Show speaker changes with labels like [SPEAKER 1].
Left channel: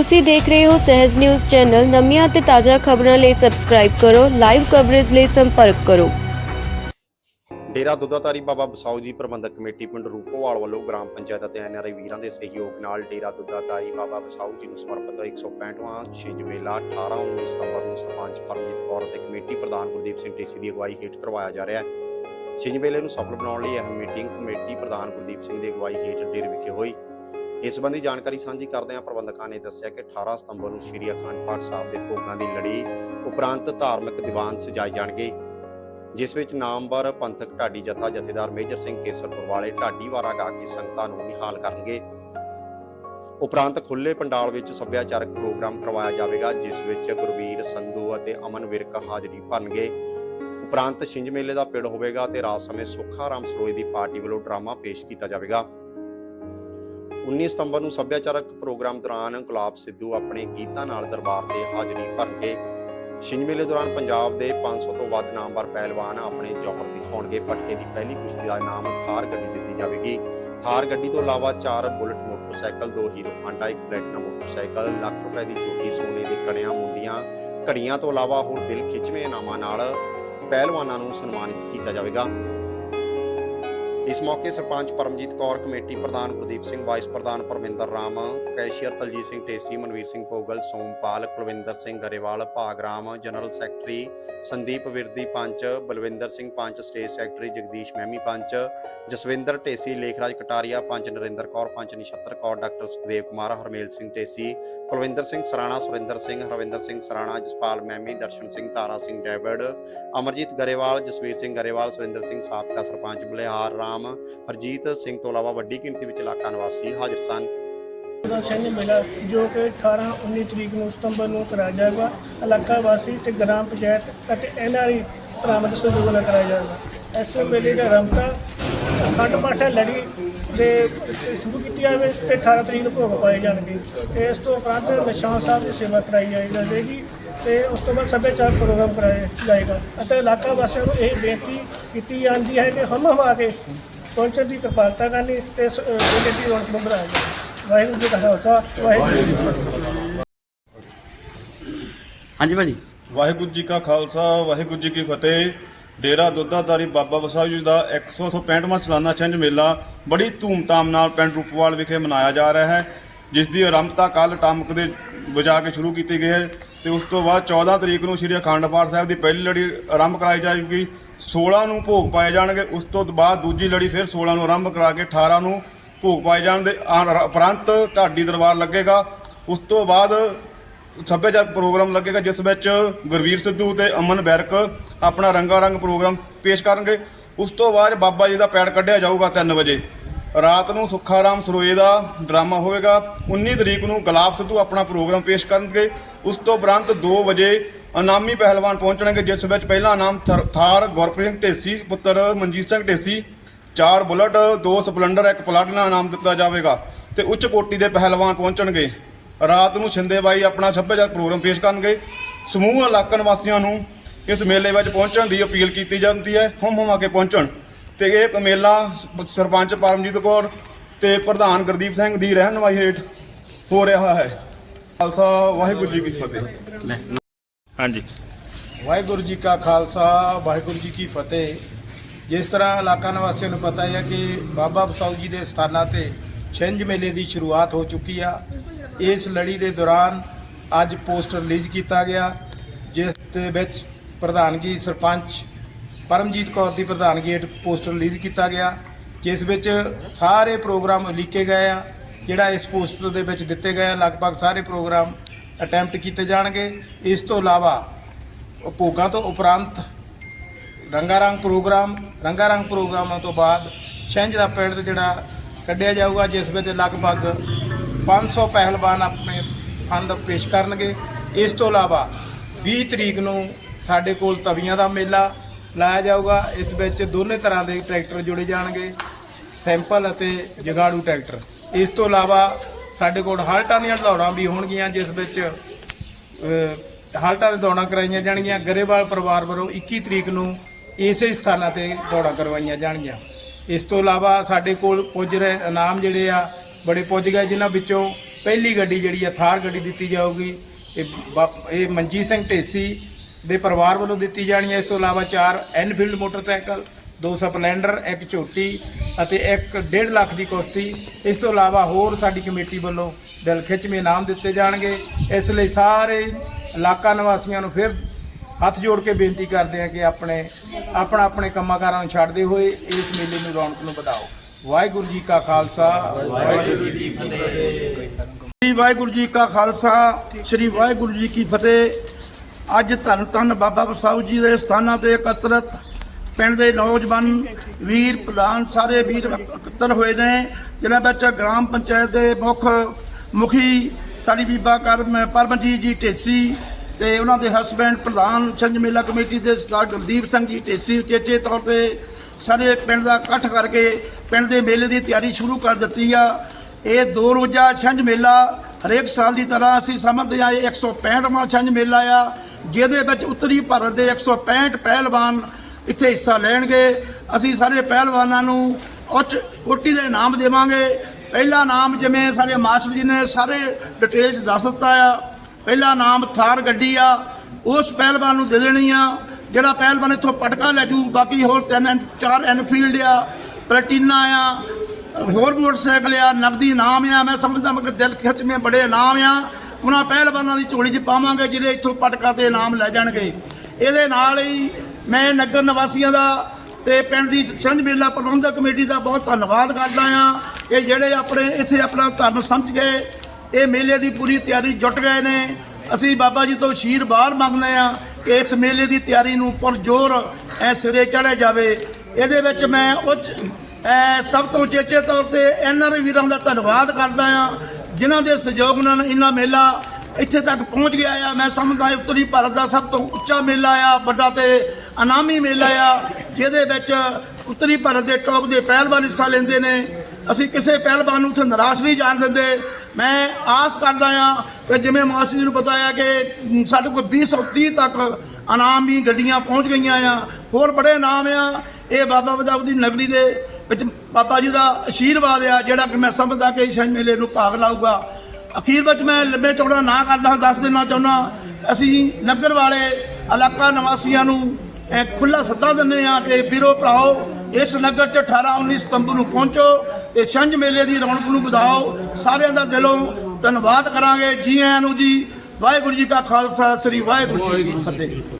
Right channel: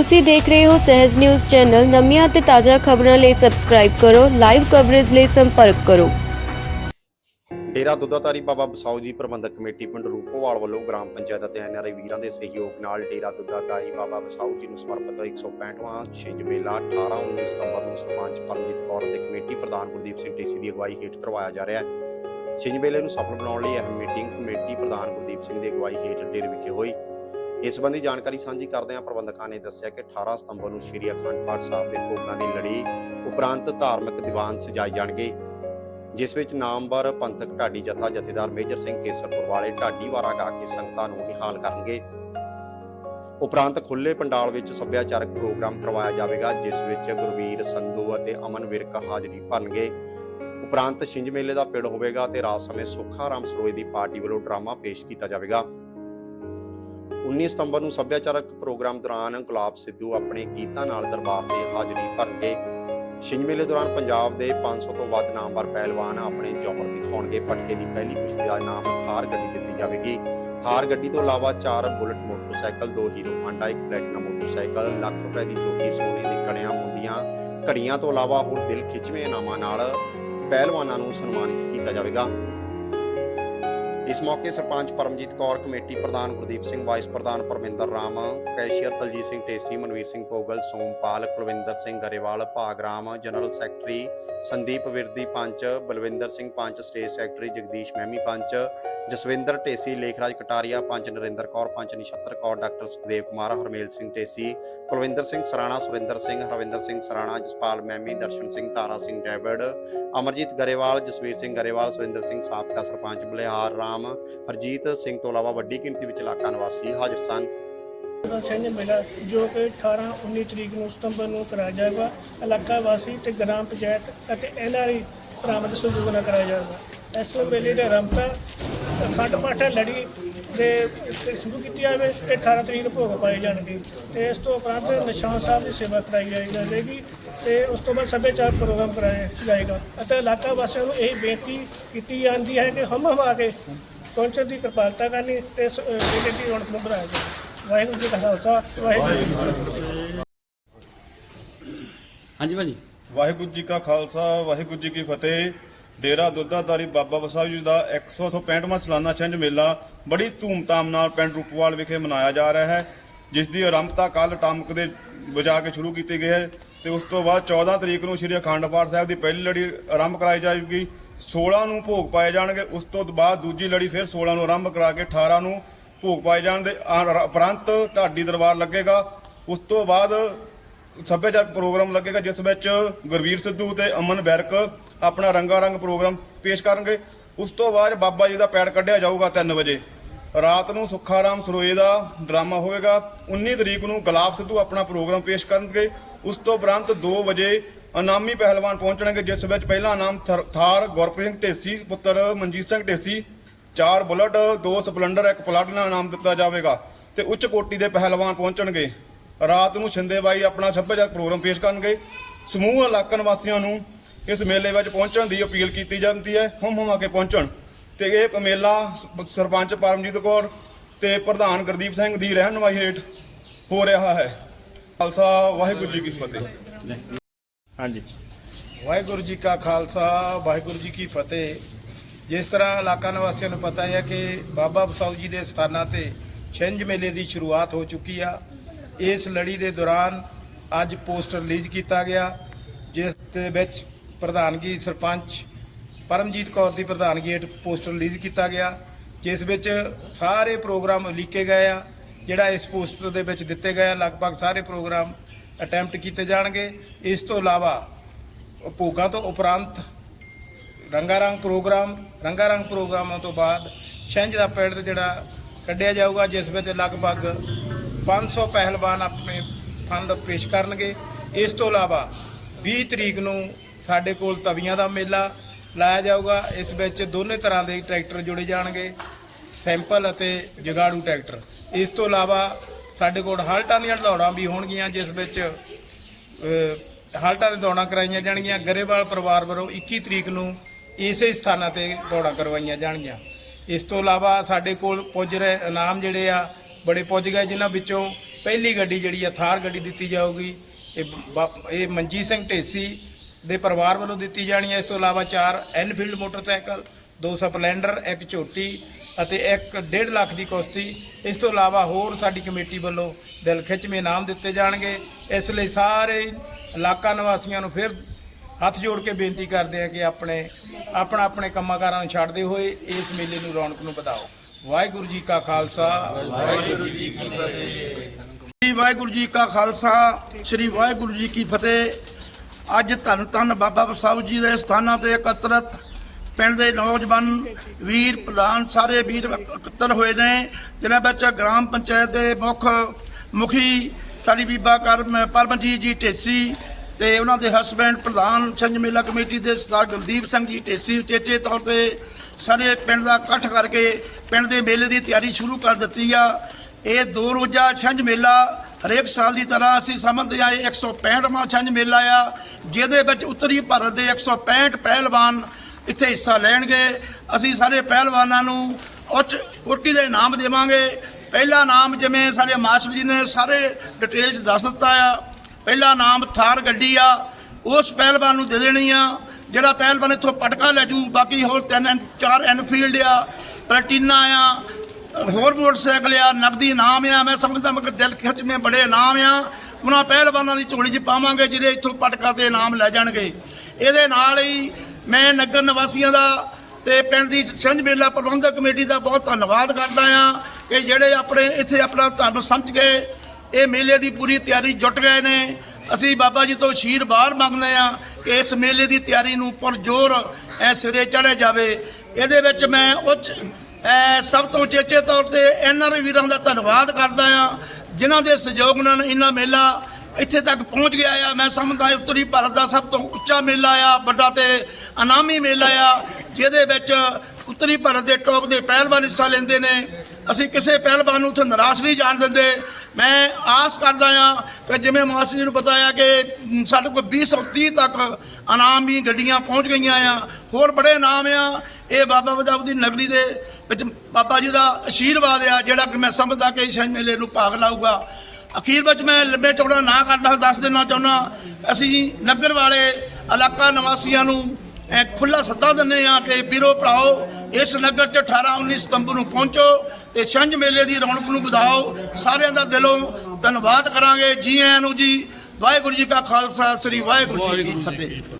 [SPEAKER 1] ਤੁਸੀਂ ਦੇਖ ਰਹੇ ਹੋ ਸਹਿਜ ਨਿਊਜ਼ ਚੈਨਲ। ਨਵੀਆਂ ਅਤੇ ਤਾਜ਼ਾ ਖਬਰਾਂ ਲਈ ਸਬਸਕ੍ਰਾਈਬ ਕਰੋ ਲਾਈਵ ਕਵਰੇਜ ਲਈ ਸੰਪਰਕ ਕਰੋ।
[SPEAKER 2] ਡੇਰਾ ਦੁੱਧਾਧਾਰੀ ਬਾਬਾ ਬਸਾਊ ਜੀ ਪ੍ਰਬੰਧਕ ਕਮੇਟੀ ਪਿੰਡ ਰੂਪੋਵਾਲ ਵੱਲੋਂ ਗ੍ਰਾਮ ਪੰਚਾਇਤ ਅਤੇ ਐਨਆਰਆਈ ਵੀਰਾਂ ਦੇ ਸਹਿਯੋਗ ਨਾਲ ਡੇਰਾ ਦੁੱਧਾਧਾਰੀ ਬਾਬਾ ਬਸਾਊ ਜੀ ਨੂੰ ਸਮਰਪਿਤ 165ਵਾਂ ਛਿੰਝ ਮੇਲਾ 18-19 ਸਤੰਬਰ ਨੂੰ ਸਰਪੰਚ ਪਰਮਜੀਤ ਕੌਰ ਅਤੇ ਕਮੇਟੀ ਪ੍ਰਧਾਨ ਗੁਰਦੀਪ ਸਿੰਘ ਢੇਸੀ ਦੀ ਅਗਵਾਈ ਹੇਠ ਕਰਵਾਇਆ ਜਾ ਰਿਹਾ ਹੈ। ਛਿੰਝ ਮੇਲੇ ਨੂੰ ਸਫਲ ਬਣਾਉਣ ਲਈ ਅਹਿਮ ਮੀਟਿੰਗ ਕਮੇਟੀ ਪ੍ਰਧਾਨ ਗੁਰਦੀਪ ਸਿੰਘ ਦੀ ਅਗਵਾਈ ਹੇਠ ਡੇਰ ਵਿਖੇ ਹੋਈ। ਇਸ ਸੰਬੰਧੀ ਜਾਣਕਾਰੀ ਸਾਂਝੀ ਕਰਦਿਆਂ ਪ੍ਰਬੰਧਕਾਂ ਨੇ ਦੱਸਿਆ ਕਿ 18 ਸਤੰਬਰ ਨੂੰ ਸ੍ਰੀ ਅਖੰਡ ਪਾਠ ਸਾਹਿਬ ਦੇ ਭੋਗਾਂ ਦੀ ਲੜੀ ਉਪਰੰਤ ਧਾਰਮਿਕ ਦੀਵਾਨ ਸਜਾਏ ਜਾਣਗੇ, ਜਿਸ ਵਿੱਚ ਨਾਮਵਰ ਪੰਥਕ ਢਾਡੀ ਜਥਾ ਜਥੇਦਾਰ ਮੇਜਰ ਸਿੰਘ ਕੇਸਰਪੁਰ ਵਾਲੇ ਢਾਡੀ ਵਾਰਾ ਗਾ ਕੇ ਸੰਗਤਾਂ ਨੂੰ ਨਿਹਾਲ ਕਰਨਗੇ। ਉਪਰੰਤ ਖੁੱਲੇ ਪੰਡਾਲ ਵਿੱਚ ਸੱਭਿਆਚਾਰਕ ਪ੍ਰੋਗਰਾਮ ਕਰਵਾਇਆ ਜਾਵੇਗਾ, ਜਿਸ ਵਿੱਚ ਗੁਰਵੀਰ, ਸੰਧੂ ਅਤੇ ਅਮਨ ਵਿਰਕ ਹਾਜ਼ਰੀ ਭਰਨਗੇ। ਉਪਰੰਤ ਛਿੰਝ ਮੇਲੇ ਦਾ ਪਿੜ ਹੋਵੇਗਾ ਤੇ ਰਾਤ ਸਮੇਂ ਸੁੱਖਾ ਰਾਮ ਸਰੋਏ ਦੀ ਪਾਰਟੀ ਵੱਲੋਂ ਡਰਾਮਾ ਪੇਸ਼ ਕੀਤਾ ਜਾਵੇਗਾ। 19 ਸਤੰਬਰ ਨੂੰ ਸੱਭਿਆਚਾਰਕ ਪ੍ਰੋਗਰਾਮ ਦੌਰਾਨ ਗੁਲਾਬ ਸਿੱਧੂ ਆਪਣੇ ਗੀਤਾਂ ਨਾਲ ਦਰਬਾਰ ਤੇ ਹਾਜ਼ਰੀ ਭਰਨਗੇ। ਛਿੰਝ ਮੇਲੇ ਦੌਰਾਨ ਪੰਜਾਬ ਦੇ 500 ਤੋਂ ਵੱਧ ਨਾਮਵਰ ਪਹਿਲਵਾਨ ਆਪਣੇ ਜੌਹਰ ਦਿਖਾਉਣਗੇ। ਪਟਕੇ ਦੀ ਪਹਿਲੀ ਕੁਸ਼ਤੀ ਦਾ ਇਨਾਮ ਥਾਰ ਗੱਡੀ ਦਿੱਤੀ ਜਾਵੇਗੀ। ਥਾਰ ਗੱਡੀ ਤੋਂ ਇਲਾਵਾ ਚਾਰ ਬੁਲਟ ਮੋਟਰਸਾਈਕਲ, ਦੋ ਹੀਰੋ ਹਾਂਡਾ, ਇੱਕ ਪਲੈਟੀਨਾ ਮੋਟਰਸਾਈਕਲ, ਲੱਖ ਰੁਪਏ ਦੀ ਜੋਤੀ ਸੋਨੇ ਦੇ ਕੜਿਆਂ ਮੁੰਦੀਆਂ ਘੜੀਆਂ ਤੋਂ ਇਲਾਵਾ ਹੋਰ ਦਿਲ ਖਿੱਚਵੇਂ ਇਨਾਮਾਂ ਨਾਲ ਪਹਿਲਵਾਨਾਂ ਨੂੰ ਸਨਮਾਨਿਤ ਕੀਤਾ ਜਾਵੇਗਾ। ਇਸ ਮੌਕੇ ਸਰਪੰਚ ਪਰਮਜੀਤ ਕੌਰ, ਕਮੇਟੀ ਪ੍ਰਧਾਨ ਗੁਰਦੀਪ ਸਿੰਘ, ਵਾਈਸ ਪ੍ਰਧਾਨ Parminder Ram, cashier Taljit Singh Dhesi Manvir Singh Bhogal, Sompal, Kulwinder Singh Grewal Bhagram general secretary Sandeep Virdi panch, Balwinder Singh panch state secretary Jagdish Mahimi panch, Jaswinder Dhesi Lekhraj Kataria panch, Narinder Kaur panch, Nishtar Kaur, doctor Sukhdev Kumar, Harmel Singh Dhesi Kulwinder Singh Sarana, Surinder Singh, Harvinder Singh Sarana, Jaspal Mahimi, Darshan Singh, Tara Singh David, Amarjit Grewal, Jasvir Singh Grewal, Surinder Singh ਸਾਬਕਾ ਸਰਪੰਚ ਬਲਿਹਾਰ ਰਾਮ ਹਰਜੀਤ ਸਿੰਘ ਤੋਂ ਇਲਾਵਾ ਵੱਡੀ ਗਿਣਤੀ ਵਿੱਚ ਇਲਾਕਾ ਨਿਵਾਸੀ ਹਾਜ਼ਰ ਸਨ।
[SPEAKER 3] ਸਿੰਘ ਮੇਲਾ ਜੋ ਕਿ 18 19 ਤਰੀਕ ਨੂੰ ਸਤੰਬਰ ਨੂੰ ਕਰਾਇਆ ਜਾਏਗਾ। ਇਲਾਕਾ ਵਾਸੀ ਤੇ ਗ੍ਰਾਮ ਪੰਚਾਇਤ ਅਤੇ ਐਨਆਰਈ ਪ੍ਰਾਮਿਕ ਸਹਿਯੋਗ ਨਾਲ ਕਰਾਇਆ ਜਾਏਗਾ। ਇਸ ਮੇਲੇ ਦਾ ਰਮਕਾ ਖੰਡ ਪਾਠਾ ਲੜੀ ਤੇ ਸ਼ੁਰੂ ਕੀਤੀ ਜਾਵੇ ਤੇ 18 ਤਰੀਕ ਨੂੰ ਭੋਗ ਪਾਏ ਜਾਣਗੇ। ਤੇ ਇਸ ਤੋਂ ਉਪਰੰਤ ਨਿਸ਼ਾਨ ਸਾਹਿਬ ਦੀ ਸੇਵਾ ਕਰਾਈ ਜਾਈ ਜਾਵੇਗੀ ਤੇ ਉਸ ਤੋਂ ਬਾਅਦ ਸੱਭਿਆਚਾਰ ਪ੍ਰੋਗਰਾਮ ਕਰਾਇਆ ਜਾਏਗਾ। ਅਤੇ ਇਲਾਕਾ ਵਾਸੀਆਂ ਨੂੰ ਇਹ ਬੇਨਤੀ ਕੀਤੀ ਜਾਂਦੀ ਹੈ ਕਿ ਹਮ ਹਵਾ ਕੇ ਪਹੁੰਚਣ ਦੀ ਕਿਰਪਾਲਤਾ ਕਰਨੀ ਤੇ ਸ- ਅਹ ਪਿੰਡ ਦੀ ਰੌਣਕ ਨੂੰ ਵਧਾਉਣੀ ਵਾਹਿਗੁਰੂ ਜੀ ਕਾ ਖਾਲਸਾ ਵਾਹਿਗੁਰੂ ਜੀ ਕੀ ਫਤਿਹ।
[SPEAKER 4] ਹਾਂਜੀ ਭਾਜੀ।
[SPEAKER 5] ਵਾਹਿਗੁਰੂ ਜੀ ਕਾ ਖਾਲਸਾ ਵਾਹਿਗੁਰੂ ਜੀ ਕੀ ਫਤਿਹ। ਡੇਰਾ ਦੁੱਧਾਧਾਰੀ ਬਾਬਾ ਵਸਾਊ ਜੀ ਦਾ 165ਵਾਂ ਸਾਲਾਨਾ ਛਿੰਝ ਮੇਲਾ ਬੜੀ ਧੂਮਧਾਮ ਨਾਲ ਪਿੰਡ ਰੂਪਵਾਲ ਵਿਖੇ ਮਨਾਇਆ ਜਾ ਰਿਹਾ ਹੈ ਜਿਸ ਦੀ ਆਰੰਭਤਾ ਕੱਲ ਟਾਮਕ ਦੇ ਵਜਾ ਕੇ ਸ਼ੁਰੂ ਕੀਤੀ ਗਈ ਹੈ। ਤੇ ਉਸ ਤੋਂ ਬਾਅਦ 14 ਤਰੀਕ ਨੂੰ ਸ੍ਰੀ ਅਖੰਡ ਪਾਠ ਸਾਹਿਬ ਦੀ ਪਹਿਲੀ ਲੜੀ ਆਰੰਭ ਕਰਾਈ ਜਾਏਗੀ 16 ਨੂੰ ਭੋਗ ਪਾਏ ਜਾਣਗੇ, ਉਸ ਤੋਂ ਬਾਅਦ ਦੂਜੀ ਲੜੀ ਫਿਰ 16 ਨੂੰ ਆਰੰਭ ਕਰਾ ਕੇ 18 ਨੂੰ ਭੋਗ ਪਾਏ ਜਾਣ ਦੇ ਆ- ਉਪਰੰਤ ਢਾਡੀ ਦਰਬਾਰ ਲੱਗੇਗਾ। ਉਸ ਤੋਂ ਬਾਅਦ ਸੱਭਿਆਚਾਰਕ ਪ੍ਰੋਗਰਾਮ ਲੱਗੇਗਾ, ਜਿਸ ਵਿੱਚ ਗੁਰਵੀਰ ਸਿੱਧੂ ਤੇ ਅਮਨ ਬੈਰਕ ਆਪਣਾ ਰੰਗਾ ਰੰਗ ਪ੍ਰੋਗਰਾਮ ਪੇਸ਼ ਕਰਨਗੇ। ਉਸ ਤੋਂ ਬਾਅਦ ਬਾਬਾ ਜੀ ਦਾ ਪੈੜ ਕੱਢਿਆ ਜਾਊਗਾ 3 ਵਜੇ। ਰਾਤ ਨੂੰ ਸੁੱਖਾ ਰਾਮ ਸਰੋਏ ਦਾ ਡਰਾਮਾ ਹੋਵੇਗਾ। 19 ਤਰੀਕ ਨੂੰ ਗੁਲਾਬ ਸਿੱਧੂ ਆਪਣਾ ਪ੍ਰੋਗਰਾਮ ਪੇਸ਼ ਕਰਨਗੇ। ਉਸ ਤੋਂ ਉਪਰੰਤ 2 ਵਜੇ ਇਨਾਮੀ ਪਹਿਲਵਾਨ ਪਹੁੰਚਣਗੇ, ਜਿਸ ਵਿੱਚ ਪਹਿਲਾ ਨਾਮ ਥਰ- ਥਾਰ ਗੁਰਪ੍ਰੀਤ ਸਿੰਘ ਢੇਸੀ, ਪੁੱਤਰ ਮਨਜੀਤ ਸਿੰਘ ਢੇਸੀ, ਚਾਰ ਬੁਲਟ, ਦੋ ਸਪਲੈਂਡਰ, ਇੱਕ ਪਲਾਟੀਨਾ ਇਨਾਮ ਦਿੱਤਾ ਜਾਵੇਗਾ ਤੇ ਉੱਚ ਕੋਟੀ ਦੇ ਪਹਿਲਵਾਨ ਪਹੁੰਚਣਗੇ। ਰਾਤ ਨੂੰ ਛਿੰਦੇ ਬਾਈ ਆਪਣਾ ਸੱਭਿਆਚਾਰਕ ਪ੍ਰੋਗਰਾਮ ਪੇਸ਼ ਕਰਨਗੇ। ਸਮੂਹ ਇਲਾਕਾ ਵਾਸੀਆਂ ਨੂੰ ਇਸ ਮੇਲੇ ਵਿੱਚ ਪਹੁੰਚਣ ਦੀ ਅਪੀਲ ਕੀਤੀ ਜਾਂਦੀ ਹੈ। ਹੁਮ ਹੁਮਾ ਕੇ ਪਹੁੰਚਣ। ਤੇ ਇਹ ਮੇਲਾ ਸ- ਸਰਪੰਚ ਪਰਮਜੀਤ ਕੌਰ ਤੇ ਪ੍ਰਧਾਨ ਗੁਰਦੀਪ ਸਿੰਘ ਦੀ ਰਹਿਨਮਾਈ ਹੇਠ ਹੋ ਰਿਹਾ ਹੈ। ਖਾਲਸਾ ਵਾਹਿਗੁਰੂ ਜੀ ਕੀ ਫਤਿਹ।
[SPEAKER 4] ਲੈ
[SPEAKER 6] ਹਾਂਜੀ।
[SPEAKER 7] ਵਾਹਿਗੁਰੂ ਜੀ ਕਾ ਖਾਲਸਾ ਵਾਹਿਗੁਰੂ ਜੀ ਕੀ ਫਤਿਹ। ਜਿਸ ਤਰ੍ਹਾਂ ਇਲਾਕਾ ਨਿਵਾਸੀਆਂ ਨੂੰ ਪਤਾ ਹੈ ਕਿ ਬਾਬਾ ਬਸਾਊ ਜੀ ਦੇ ਸਥਾਨਾਂ ਤੇ ਛਿੰਝ ਮੇਲੇ ਦੀ ਸ਼ੁਰੂਆਤ ਹੋ ਚੁੱਕੀ ਆ। ਇਸ ਲੜੀ ਦੇ ਦੌਰਾਨ ਅੱਜ ਪੋਸਟਰ ਰਿਲੀਜ਼ ਕੀਤਾ ਗਿਆ ਜਿਸ ਦੇ ਵਿੱਚ ਪ੍ਰਧਾਨਗੀ ਸਰਪੰਚ ਪਰਮਜੀਤ ਕੌਰ ਦੀ ਪ੍ਰਧਾਨਗੀ ਹੇਠ ਪੋਸਟਰ ਰਿਲੀਜ਼ ਕੀਤਾ ਗਿਆ ਜਿਸ ਵਿੱਚ ਸਾਰੇ ਪ੍ਰੋਗਰਾਮ ਲਿਖੇ ਗਏ ਆ। ਜਿਹੜਾ ਇਸ ਪੋਸਟਰ ਦੇ ਵਿੱਚ ਦਿੱਤੇ ਗਏ ਆ ਲਗਭਗ ਸਾਰੇ ਪ੍ਰੋਗਰਾਮ ਅਟੈਂਪਟ ਕੀਤੇ ਜਾਣਗੇ। ਇਸ ਤੋਂ ਇਲਾਵਾ ਭੋਗਾਂ ਤੋਂ ਉਪਰੰਤ ਰੰਗਾ ਰੰਗ ਪ੍ਰੋਗਰਾਮ ਰੰਗਾ ਰੰਗ ਪ੍ਰੋਗਰਾਮਾਂ ਤੋਂ ਬਾਅਦ ਛਿੰਝ ਦਾ ਪਿੰਡ ਜਿਹੜਾ ਕੱਢਿਆ ਜਾਊਗਾ, ਜਿਸ ਵਿੱਚ ਲਗਭਗ 500 ਪਹਿਲਵਾਨ ਆਪਣੇ ਫੰਦ ਪੇਸ਼ ਕਰਨਗੇ। ਇਸ ਤੋਂ ਇਲਾਵਾ 20 ਤਰੀਕ ਨੂੰ ਸਾਡੇ ਕੋਲ ਤਵੀਆਂ ਦਾ ਮੇਲਾ ਲਾਇਆ ਜਾਊਗਾ। ਇਸ ਵਿੱਚ ਦੋਨੇ ਤਰ੍ਹਾਂ ਦੇ ਟਰੈਕਟਰ ਜੁੜੇ ਜਾਣਗੇ, ਸੈਂਪਲ ਅਤੇ ਜਗਾੜੂ ਟਰੈਕਟਰ। ਇਸ ਤੋਂ ਇਲਾਵਾ ਸਾਡੇ ਕੋਲ ਹਾਲਟਾਂ ਦੀਆਂ ਦੌੜਾਂ ਵੀ ਹੋਣਗੀਆਂ, ਜਿਸ ਵਿੱਚ ਹਾਲਟਾਂ ਦੇ ਦੌੜਾਂ ਕਰਾਈਆਂ ਜਾਣਗੀਆਂ। ਗਰੇਵਾਲ ਪਰਿਵਾਰ ਵੱਲੋਂ 21 ਤਰੀਕ ਨੂੰ ਇਸੇ ਸਥਾਨਾਂ ਤੇ ਦੌੜਾਂ ਕਰਵਾਈਆਂ ਜਾਣਗੀਆਂ। ਇਸ ਤੋਂ ਇਲਾਵਾ ਸਾਡੇ ਕੋਲ ਪੁੱਜ ਰਹੇ ਇਨਾਮ ਜਿਹੜੇ ਆ, ਬੜੇ ਪੁੱਜ ਗਏ, ਜਿਨ੍ਹਾਂ ਵਿੱਚੋਂ ਪਹਿਲੀ ਗੱਡੀ ਜਿਹੜੀ ਆ, ਥਾਰ ਗੱਡੀ ਦਿੱਤੀ ਜਾਊਗੀ। ਇਹ ਬਾ- ਇਹ ਮਨਜੀਤ ਸਿੰਘ ਢੇਸੀ ਦੇ ਪਰਿਵਾਰ ਵੱਲੋਂ ਦਿੱਤੀ ਜਾਣੀ ਹੈ ਇਸ ਤੋਂ ਇਲਾਵਾ ਚਾਰ ਐਨਫੀਲਡ ਮੋਟਰਸਾਈਕਲ ਦੋ ਸਪਲੈਂਡਰ, ਇੱਕ ਝੋਟੀ ਅਤੇ ਇੱਕ 1.5 ਲੱਖ ਦੀ ਕੁਸ਼ਤੀ। ਇਸ ਤੋਂ ਇਲਾਵਾ ਹੋਰ ਸਾਡੀ ਕਮੇਟੀ ਵੱਲੋਂ ਦਿਲ ਖਿੱਚਵੇਂ ਇਨਾਮ ਦਿੱਤੇ ਜਾਣਗੇ। ਇਸ ਲਈ ਸਾਰੇ ਇਲਾਕਾ ਨਿਵਾਸੀਆਂ ਨੂੰ ਫਿਰ ਹੱਥ ਜੋੜ ਕੇ ਬੇਨਤੀ ਕਰਦੇ ਹਾਂ ਕਿ ਆਪਣੇ, ਆਪਣਾ ਆਪਣੇ ਕੰਮਾਂ-ਕਾਰਾਂ ਨੂੰ ਛੱਡਦੇ ਹੋਏ ਇਸ ਮੇਲੇ ਨੂੰ ਰੌਣਕ ਨੂੰ ਵਧਾਓ। ਵਾਹਿਗੁਰੂ ਜੀ ਕਾ ਖਾਲਸਾ। ਵਾਹਿਗੁਰੂ ਜੀ ਕੀ ਫਤਿਹ
[SPEAKER 4] ਸ੍ਰੀ ਵਾਹਿਗੁਰੂ ਜੀ ਕਾ ਖਾਲਸਾ, ਸ੍ਰੀ ਵਾਹਿਗੁਰੂ ਜੀ ਕੀ ਫਤਿਹ। ਅੱਜ ਧੰਨ ਧੰਨ ਬਾਬਾ ਸਾਹਿਬ ਜੀ ਦੇ ਸਥਾਨਾਂ ਤੇ ਇਕੱਤਰਤ ਪਿੰਡ ਦੇ ਨੌਜਵਾਨ ਵੀਰ ਪ੍ਰਧਾਨ ਸਾਰੇ ਵੀਰ ਇਕੱਤਰ ਹੋਏ ਨੇ ਜਿਹਨਾਂ ਵਿੱਚ ਗ੍ਰਾਮ ਪੰਚਾਇਤ ਦੇ ਮੁੱਖ ਮੁਖੀ ਸਾਡੀ ਬੀਬਾ ਕਰਮ ਪਰਮਜੀਤ ਜੀ ਢੇਸੀ ਤੇ ਉਹਨਾਂ ਦੇ ਹਸਬੈਂਡ ਪ੍ਰਧਾਨ ਛੰਜ ਮੇਲਾ ਕਮੇਟੀ ਦੇ ਸਰਦਾਰ ਗੁਰਦੀਪ ਸਿੰਘ ਜੀ ਢੇਸੀ ਉਚੇਚੇ ਤੌਰ ਤੇ ਸਾਰੇ ਪਿੰਡ ਦਾ ਇਕੱਠ ਕਰਕੇ ਪਿੰਡ ਦੇ ਮੇਲੇ ਦੀ ਤਿਆਰੀ ਸ਼ੁਰੂ ਕਰ ਦਿੱਤੀ ਆ। ਇਹ ਦੋ ਰੋਜ਼ਾ ਛੰਝ ਮੇਲਾ ਹਰੇਕ ਸਾਲ ਦੀ ਤਰ੍ਹਾਂ ਅਸੀਂ ਸਮਝਦੇ ਆ ਇਹ 165ਵਾਂ ਛੰਝ ਮੇਲਾ ਆ, ਜਿਹਦੇ ਵਿੱਚ ਉੱਤਰੀ ਭਾਰਤ ਦੇ 165 ਪਹਿਲਵਾਨ ਇੱਥੇ ਹਿੱਸਾ ਲੈਣਗੇ। ਅਸੀਂ ਸਾਰੇ ਪਹਿਲਵਾਨਾਂ ਨੂੰ ਉੱਚ ਕੋਟੀ ਦੇ ਇਨਾਮ ਦੇਵਾਂਗੇ। ਪਹਿਲਾ ਨਾਮ ਜਿਵੇਂ ਸਾਡੇ ਮਾਸਟਰ ਜੀ ਨੇ ਸਾਰੇ ਡਿਟੇਲਸ ਦੱਸ ਦਿੱਤਾ ਆ। ਪਹਿਲਾ ਨਾਮ ਥਾਰ ਗੱਡੀ ਆ। ਉਸ ਪਹਿਲਵਾਨ ਨੂੰ ਦੇ ਦੇਣੀ ਆ, ਜਿਹੜਾ ਪਹਿਲਵਾਨ ਇੱਥੋਂ ਪਟਕਾ ਲੈ ਜੂ। ਬਾਕੀ ਹੋਰ ਤਿੰਨ ਚਾਰ ਐਨਫੀਲਡ ਆ ਪਲਟੀਨਾ ਆ, ਹੋਰ ਮੋਟਰਸਾਈਕਲ ਆ ਨਗਦੀ ਇਨਾਮ ਆ। ਮੈਂ ਸਮਝਦਾ ਮੈਂ ਕਿ ਦਿਲ ਖਿੱਚਵੇਂ ਬੜੇ ਇਨਾਮ ਆ। ਉਹਨਾਂ ਪਹਿਲਵਾਨਾਂ ਦੀ ਝੋਲੀ 'ਚ ਪਾਵਾਂਗੇ, ਜਿਹੜੇ ਇੱਥੋਂ ਪਟਕਾ ਤੇ ਇਨਾਮ ਲੈ ਜਾਣਗੇ। ਇਹਦੇ ਨਾਲ ਹੀ ਮੈਂ ਨਗਰ ਨਿਵਾਸੀਆਂ ਦਾ ਤੇ ਪਿੰਡ ਦੀ ਸੰਝ ਮੇਲਾ ਪ੍ਰਬੰਧਕ ਕਮੇਟੀ ਦਾ ਬਹੁਤ ਧੰਨਵਾਦ ਕਰਦਾ ਆ ਕਿ ਜਿਹੜੇ ਆਪਣੇ ਇੱਥੇ ਆਪਣਾ ਧਰਮ ਸਮਝ ਗਏ, ਇਹ ਮੇਲੇ ਦੀ ਪੂਰੀ ਤਿਆਰੀ ਜੁਟ ਗਏ ਨੇ। ਅਸੀਂ ਬਾਬਾ ਜੀ ਤੋਂ ਅਸ਼ੀਰਵਾਦ ਮੰਗਦੇ ਆ ਕਿ ਇਸ ਮੇਲੇ ਦੀ ਤਿਆਰੀ ਨੂੰ ਪੁਰਜੋਰ ਐ ਸਿਰੇ ਚੜ੍ਹਿਆ ਜਾਵੇ। ਇਹਦੇ ਵਿੱਚ ਮੈਂ ਉੱਚ ਸਭ ਤੋਂ ਉਚੇਚੇ ਤੌਰ ਤੇ ਐਨਆਰ ਵੀਰਾਂ ਦਾ ਧੰਨਵਾਦ ਕਰਦਾ ਆ ਜਿਨ੍ਹਾਂ ਦੇ ਸਹਿਯੋਗ ਨਾਲ ਇਹਨਾਂ ਮੇਲਾ ਇੱਥੇ ਤੱਕ ਪਹੁੰਚ ਗਿਆ ਆ। ਮੈਂ ਸਮਝਦਾ ਉੱਤਰੀ ਭਾਰਤ ਦਾ ਸਭ ਤੋਂ ਉੱਚਾ ਮੇਲਾ ਆ, ਵੱਡਾ ਤੇ ਅਨਾਮੀ ਮੇਲਾ ਆ, ਜਿਹਦੇ ਵਿੱਚ ਉੱਤਰੀ ਭਾਰਤ ਦੇ ਟੌਪ ਦੇ ਪਹਿਲਵਾਨ ਹਿੱਸਾ ਲੈਂਦੇ ਨੇ। ਅਸੀਂ ਕਿਸੇ ਪਹਿਲਵਾਨ ਨੂੰ ਉੱਥੇ ਨਿਰਾਸ਼ ਨਹੀਂ ਜਾਣ ਦਿੰਦੇ। ਮੈਂ ਆਸ ਕਰਦਾ ਆ ਕਿ ਜਿਵੇਂ ਮਾਸਟਰ ਜੀ ਨੂੰ ਬਤਾਇਆ ਕਿ ਸਾਡੇ ਕੋਲ 2030 ਤੱਕ ਅਨਾਮੀ ਗੱਡੀਆਂ ਪਹੁੰਚ ਗਈਆਂ ਆ। ਹੋਰ ਬੜੇ ਨਾਮ ਆ। ਇਹ ਬਾਬਾ ਵਜਾਬ ਦੀ ਨਗਰੀ ਦੇ ਵਿੱਚ ਬਾਬਾ ਜੀ ਦਾ ਆਸ਼ੀਰਵਾਦ ਆ, ਜਿਹੜਾ ਕਿ ਮੈਂ ਸਮਝਦਾ ਕਿ ਇਸ ਮੇਲੇ ਨੂੰ ਭਾਗ ਲਾਊਗਾ। ਅਖੀਰ ਵਿੱਚ ਮੈਂ ਲੰਬੇ ਚੌੜਾ ਨਾ ਕਰਦਾ ਹਾਂ ਦੱਸ ਦੇਣਾ ਚਾਹੁੰਦਾ ਅਸੀਂ ਨਗਰ ਵਾਲੇ ਇਲਾਕਾ ਨਿਵਾਸੀਆਂ ਨੂੰ ਖੁੱਲਾ ਸੱਦਾ ਦਿੰਦੇ ਆ ਕਿ ਵੀਰੋ ਭਰਾਓ ਇਸ ਨਗਰ 'ਚ 18 19 ਸਤੰਬਰ ਨੂੰ ਪਹੁੰਚੋ ਤੇ ਛੰਝ ਮੇਲੇ ਦੀ ਰੌਣਕ ਨੂੰ ਵਧਾਓ। ਸਾਰਿਆਂ ਦਾ ਦਿਲੋਂ ਧੰਨਵਾਦ ਕਰਾਂਗੇ। ਜੀ ਆਇਆਂ ਨੂੰ ਜੀ ਵਾਹਿਗੁਰੂ ਜੀ ਕਾ ਖਾਲਸਾ ਸ੍ਰੀ ਵਾਹਿਗੁਰੂ ਜੀ ਕੀ ਫਤਿਹ।